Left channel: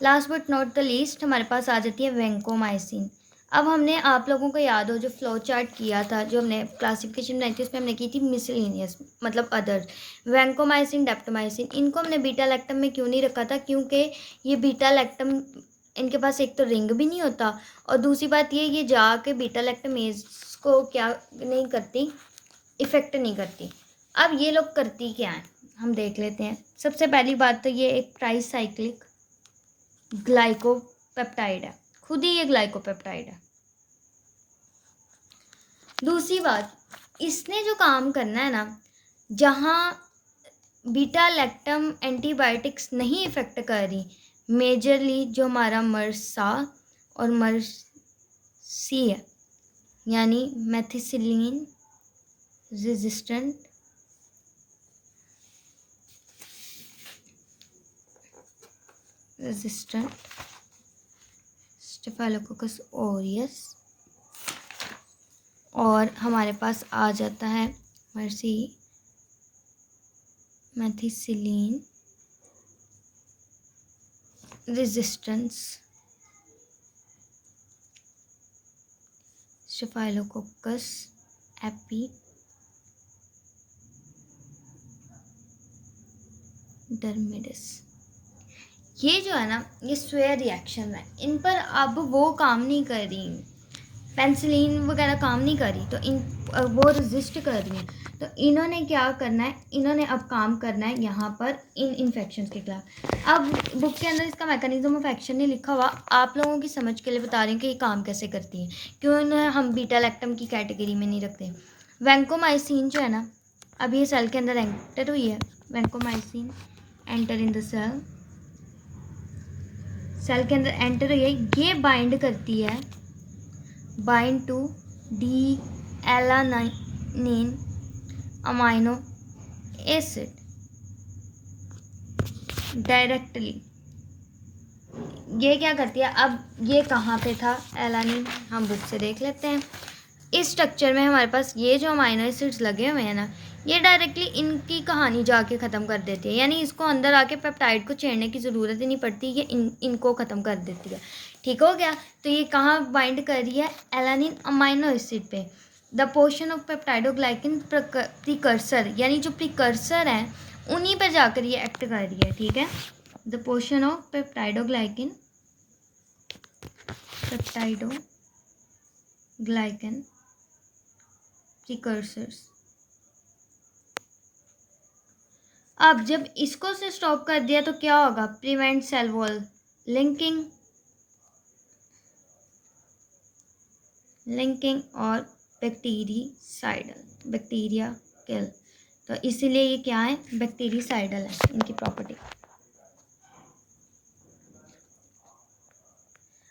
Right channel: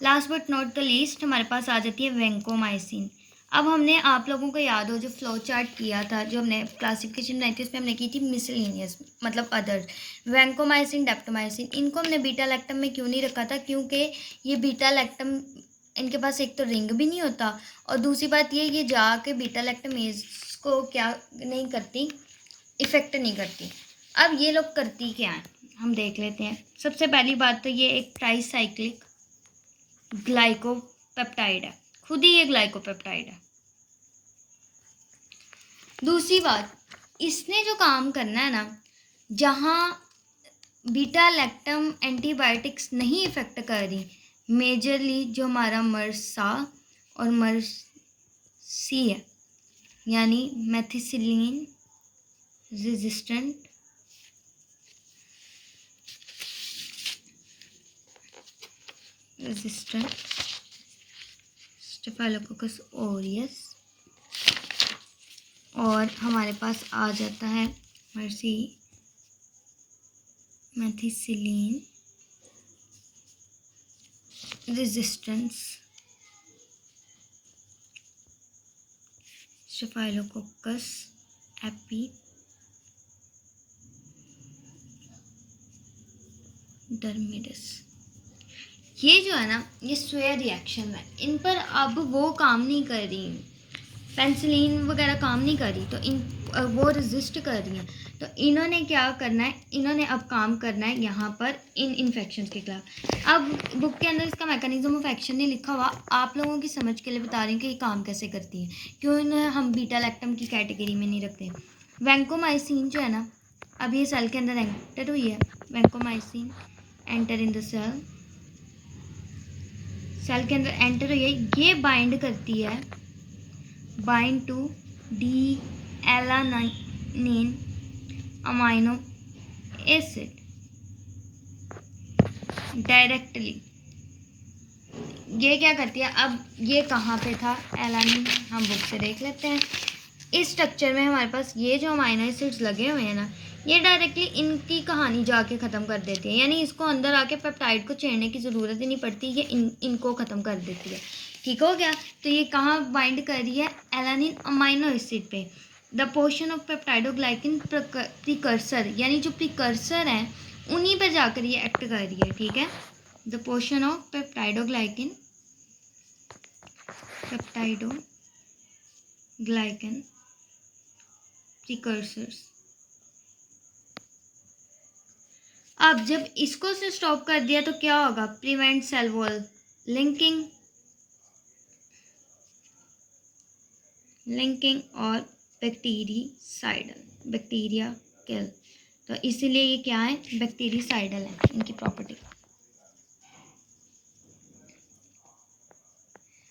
Last but not the least हमारे पास आ जाती है वैंकोमाइसिन। अब हमने आप लोगों को याद हो जो फ्लो चार्ट किया था, जो हमने क्लासिफिकेशन बनाई थी, उसमें हमने की थी मिसलिनियस मतलब अदर। वैंकोमाइसिन, डेप्टोमाइसिन, इनको हमने बीटा लैक्टम में क्यों नहीं रखा था? क्योंकि ये बीटा लैक्टम, इनके पास एक तो रिंग भी नहीं होता, और दूसरी बात ये जाके बीटा लैक्टमेज को क्या नहीं करती, इफेक्ट नहीं करती। अब ये लोग करती क्या है हम देख लेते हैं। सबसे पहली बात तो ये एक ट्राईसाइक्लिक ग्लाइकोपेप्टाइड है, खुद ही ये ग्लाइकोपेप्टाइड है। दूसरी बात, इसने जो काम करना है ना, जहाँ बीटा लैक्टम एंटीबायोटिक्स नहीं इफेक्ट कर रही, मेजरली जो हमारा मर्सा और मर्सी है, यानी मेथिसिलिन रेजिस्टेंट स्टेफाइलोकोकस ऑरियस, और हमारे पास आ जाता है mercy methicillin resistance staphylococcus epidermidis. ये जो है ना, ये स्वेयर रिएक्शन है, इन पर अब वो काम नहीं कर रही, पेंसिलिन वगैरह काम नहीं कर रही, तो इन वो रेजिस्ट कर रही हैं। तो इन्होंने क्या करना है, इन्होंने अब काम करना है यहाँ पर इन इन्फेक्शन के खिलाफ। अब बुक के अंदर इसका मैकेनिज्म ऑफ एक्शन नहीं लिखा हुआ, आप लोगों की समझ के लिए बता रहे हैं कि ये काम कैसे करती है, क्यों इन्हें हम बीटा लैक्टम की कैटेगरी में नहीं रखते। वैंकोमाइसिन जो है ना, अब ये सेल के अंदर एंटर हुई है, vancomycin enter in the cell के अंदर एंटर हुई है, ये बाइंड करती है, bind to D alanine amino acid directly. ये क्या करती है, अब ये कहाँ पे था एलानिन, हम बुक से देख लेते हैं। इस स्ट्रक्चर में हमारे पास ये जो अमाइनो एसिड्स लगे हुए हैं ना, ये डायरेक्टली इनकी कहानी जाके ख़त्म कर देती है, यानी इसको अंदर आके पेप्टाइड को छेड़ने की ज़रूरत ही नहीं पड़ती, ये इनको ख़त्म कर देती है। ठीक हो गया? तो ये कहाँ बाइंड कर रही है? एलानिन अमाइनो एसिड पे। द पोर्शन ऑफ पेप्टाइडोग्लाइकिन प्रिकर्सर, यानी जो प्रिकर्सर हैं उन्हीं पर जाकर ये एक्ट कर रही है। ठीक है, द पोर्शन ऑफ पेप्टाइडोग्लाइकिन प्रिकर्सर्स। अब जब इसको से स्टॉप कर दिया तो क्या होगा? प्रिवेंट सेल वॉल लिंकिंग और बैक्टीरिया किल। तो इसीलिए ये क्या है? बैक्टीरिसाइडल है इनकी प्रॉपर्टी।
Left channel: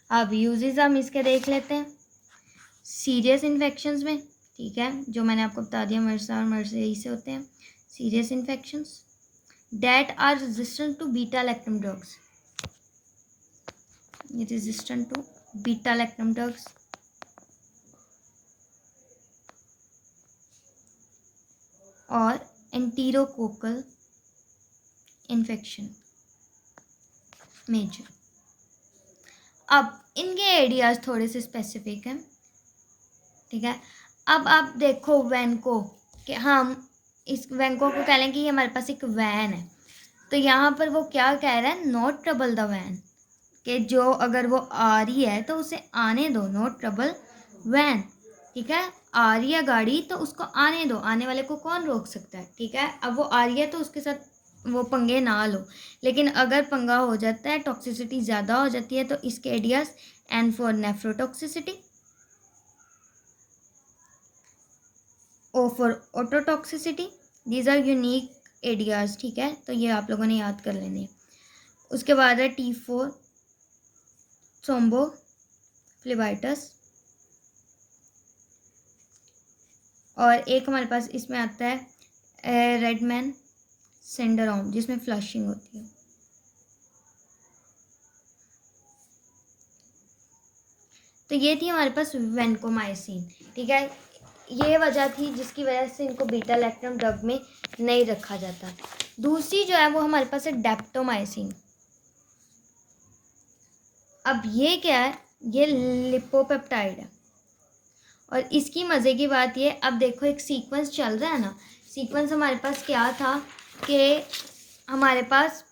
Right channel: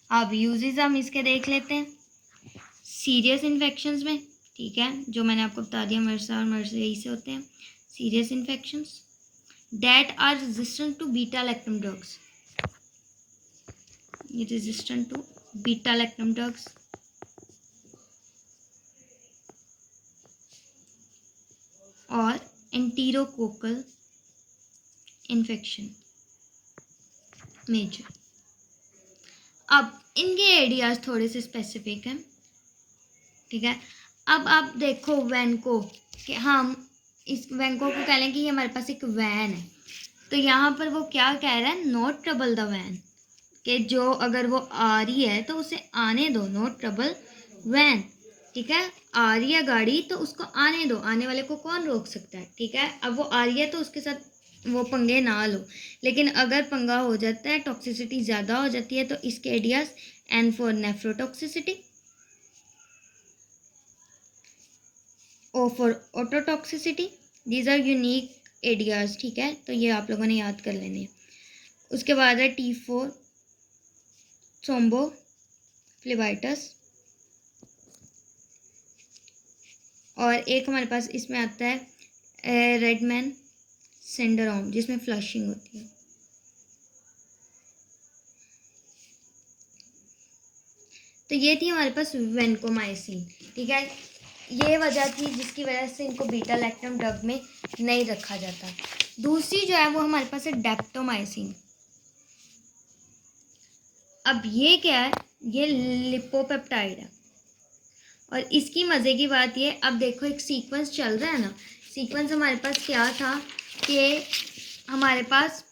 अब यूजेस हम इसके देख लेते हैं सीरियस इन्फेक्शंस में। ठीक है, जो मैंने आपको बता दिया, मर्सा और मर्सरी से होते हैं serious infections that are resistant to beta lactam drugs. Resistant to beta lactam drugs और enterococcal infection मेजर। अब इनके एरियाज थोड़े से स्पेसिफिक हैं। ठीक है, अब आप देखो वैनको कि हम इस वैनको को कह लें कि ये हमारे पास एक वैन है, तो यहाँ पर वो क्या कह रहा है? नॉट ट्रबल द वैन, कि जो अगर वो आ रही है तो उसे आने दो, नॉट ट्रबल वैन। ठीक है, आ रही है गाड़ी तो उसको आने दो, आने वाले को कौन रोक सकता है? ठीक है, अब वो आ रही है तो उसके साथ वो पंगे ना लो, लेकिन अगर पंगा हो जाता है, टॉक्सिसिटी ज़्यादा हो जाती है, तो इसके areas N for nephrotoxicity, O for ototoxicity, these are unique areas. ठीक है, तो ये आप लोगों ने याद कर लेने हैं। उसके बाद है टी फॉर थ्रोम्बो फ्लेबाइटस, और एक हमारे पास इसमें आता है रेडमैन सिंड्रोम, जिसमें फ्लशिंग होती है। तो ये थी हमारे पास वैंकोमाइसिन। ठीक है, ये वजह थी जिसकी वजह से इनको बीटा लैक्टम ड्रग में नहीं रखा जाता। दूसरी जो है वो हमारे पास है डेप्टोमाइसिन। अब ये क्या है, ये लिपोपेप्टाइड है। और इसकी मज़े की बात ये, अब देखो एक सीक्वेंस चल रहा है ना, सीक्वेंस हमारे पास क्या था कि हमारे पास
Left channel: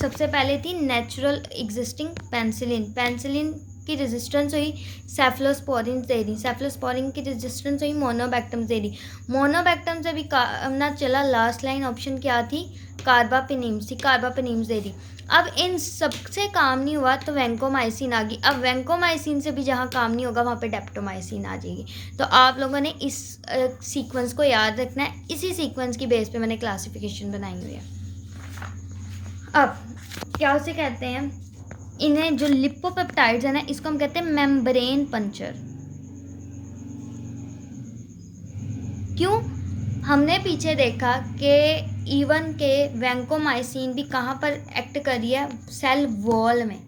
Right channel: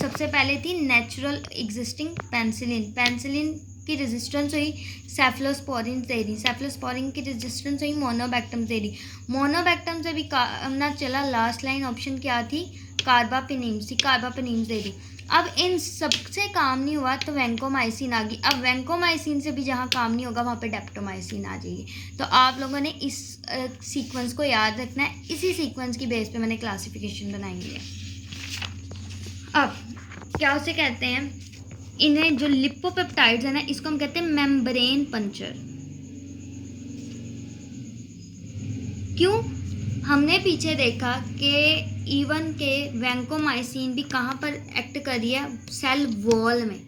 सबसे पहले थी नेचुरल एग्जिस्टिंग पेनिसिलिन, पेनिसिलिन की रेजिस्टेंस हुई सेफलोस्पोरिन दे रही, सेफलोस्पोरिन की रेजिस्टेंस हुई मोनोबैक्टम दे रही, मोनोबैक्टम से भी ना चला, लास्ट लाइन ऑप्शन क्या थी, कार्बापेनिम्स थी, कार्बापेनिम्स दे रही। अब इन सबसे काम नहीं हुआ तो वैंकोमाइसिन आ गई। अब वैंकोमाइसिन से भी जहाँ काम नहीं होगा वहाँ पे डेप्टोमाइसिन आ जाएगी। तो आप लोगों ने इस सीक्वेंस को याद रखना है, इसी सीक्वेंस की बेस पे मैंने क्लासिफिकेशन बनाई है। अब क्या उसे कहते हैं, इन्हें जो लिपोपेप्टाइड्स है ना, इसको हम कहते हैं मेम्ब्रेन पंचर। क्यों? हमने पीछे देखा कि इवन के वैंकोमाइसिन भी कहाँ पर एक्ट करी है, सेल वॉल में,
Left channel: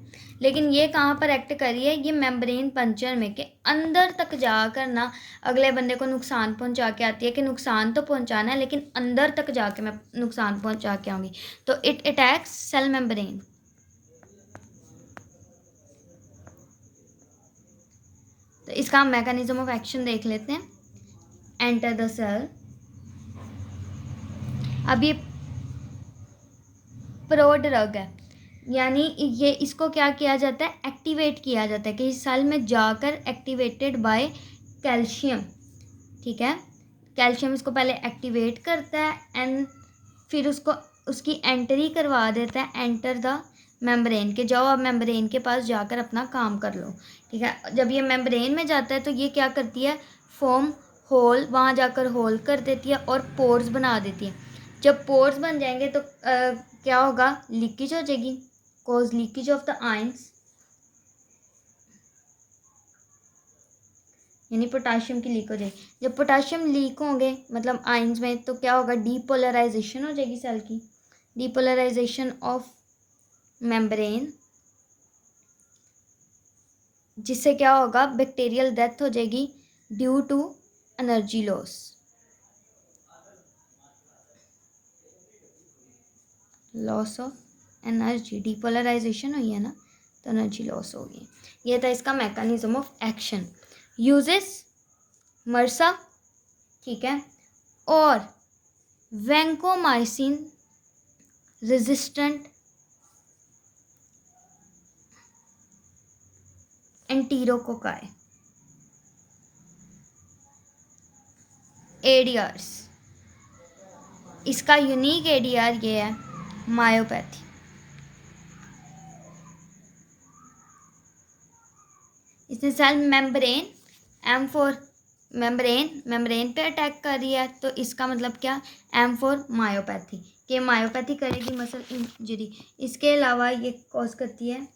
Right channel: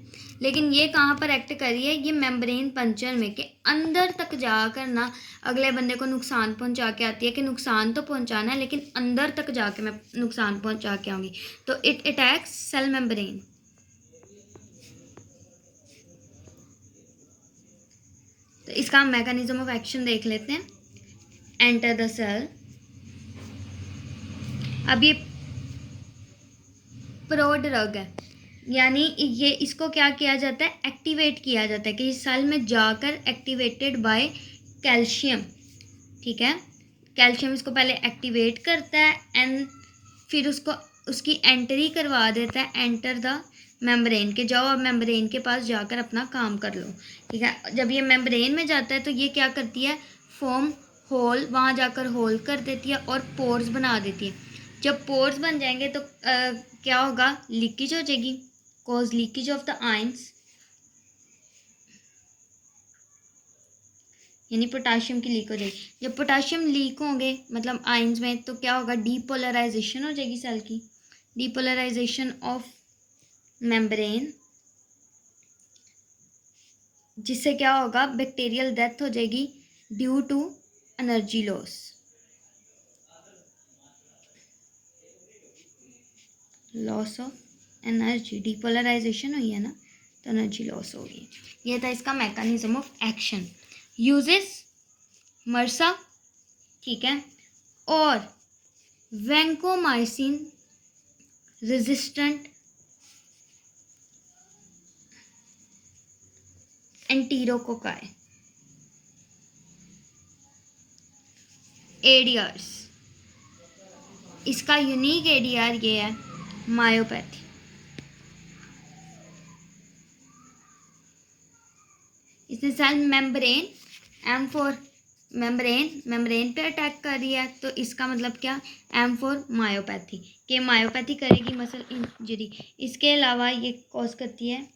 लेकिन ये कहाँ पर एक्ट करी है, ये मेम्ब्रेन पंचर में, के अंदर तक जाकर ना अगले बंदे को नुकसान पहुंचा के आती है, कि नुकसान तो पहुंचाना है लेकिन अंदर तक जाके मैं नुकसान पहुंचा के आऊँगी। तो इट अटैक्स सेल मेम्ब्रेन। तो इसका हम मैकेनिज्म ऑफ एक्शन देख लेते हैं। Enter the cell. अब ये प्रोड्रग है, यानी ये इसको क्या किया जाता है, एक्टिवेट किया जाता है, कि इस सेल में जाकर एक्टिवेटेड बाय कैल्शियम। ठीक है, कैल्शियम इसको पहले एक्टिवेट करता है एंड फिर उसको उसकी एंट्री करवा देता है, एंटर द मेम्ब्रेन, के जाओ अब मेम्ब्रेन के पास जाकर अपना काम कर लो। ठीक है, जब ये मेम्ब्रेन में जाता है तो ये क्या करती है, फॉर्म होल, वहाँ जाकर होल कर देती है और पोर्स बना देती है। जब पोर्स बन जाएंगे तो क्या होगा, लीकेज हो जाएगी, cause leakage of the ions, यानी पोटाशियम की लीक हो जाएगी। जब पोटाशियम लीक होंगे मतलब आयंस में, तो क्या होगा, डीपोलराइजेशन हो जाएगी सेल की, डीपोलराइजेशन ऑफ मेम्ब्रेन, जिससे क्या होगा, बैक्टीरियल डेथ हो जाएगी due to energy loss. Loss of energy, depolarization हुई है ना, तो एनर्जी लॉस होगी। ये था इसका मैकेनिज्म ऑफ एक्शन। यूजेस मर्सा, ठीक है, और वैंकोमाइसिन रेजिस्टेंट एंटीरोकोकाई। एडीआर्स, इसका यूनिक एडीआर ये है, मायोपैथी। इसने सेल मेम्ब्रेन M4 मेम्ब्रेन पे अटैक कर रही है, तो इसका मतलब क्या, M4 मायोपैथी, के मायोपैथी करेगी मसल इंजरी। इसके अलावा ये कॉज करती है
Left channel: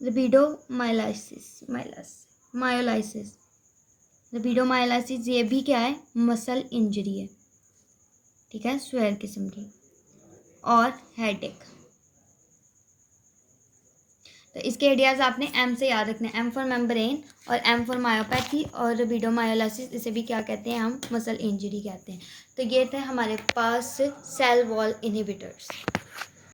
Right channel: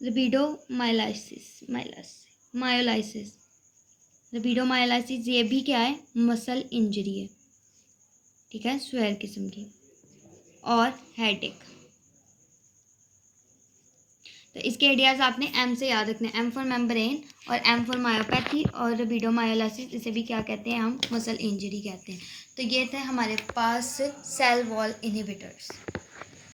लिपिडोमायोलाइसिस, लिपिडोमायोलाइसिस, ये भी क्या है, मसल इंजरी है। ठीक है, स्वेयर किस्म की, और हेडेक। तो इसके आइडियाज़ आपने एम से याद रखने, M फॉर मेम्ब्रेन और M फॉर मायोपैथी, और लिपिडोमायोलाइसिस, इसे भी क्या कहते हैं, हम मसल इंजरी कहते हैं। तो ये थे हमारे पास सेल वॉल इनहिबिटर्स।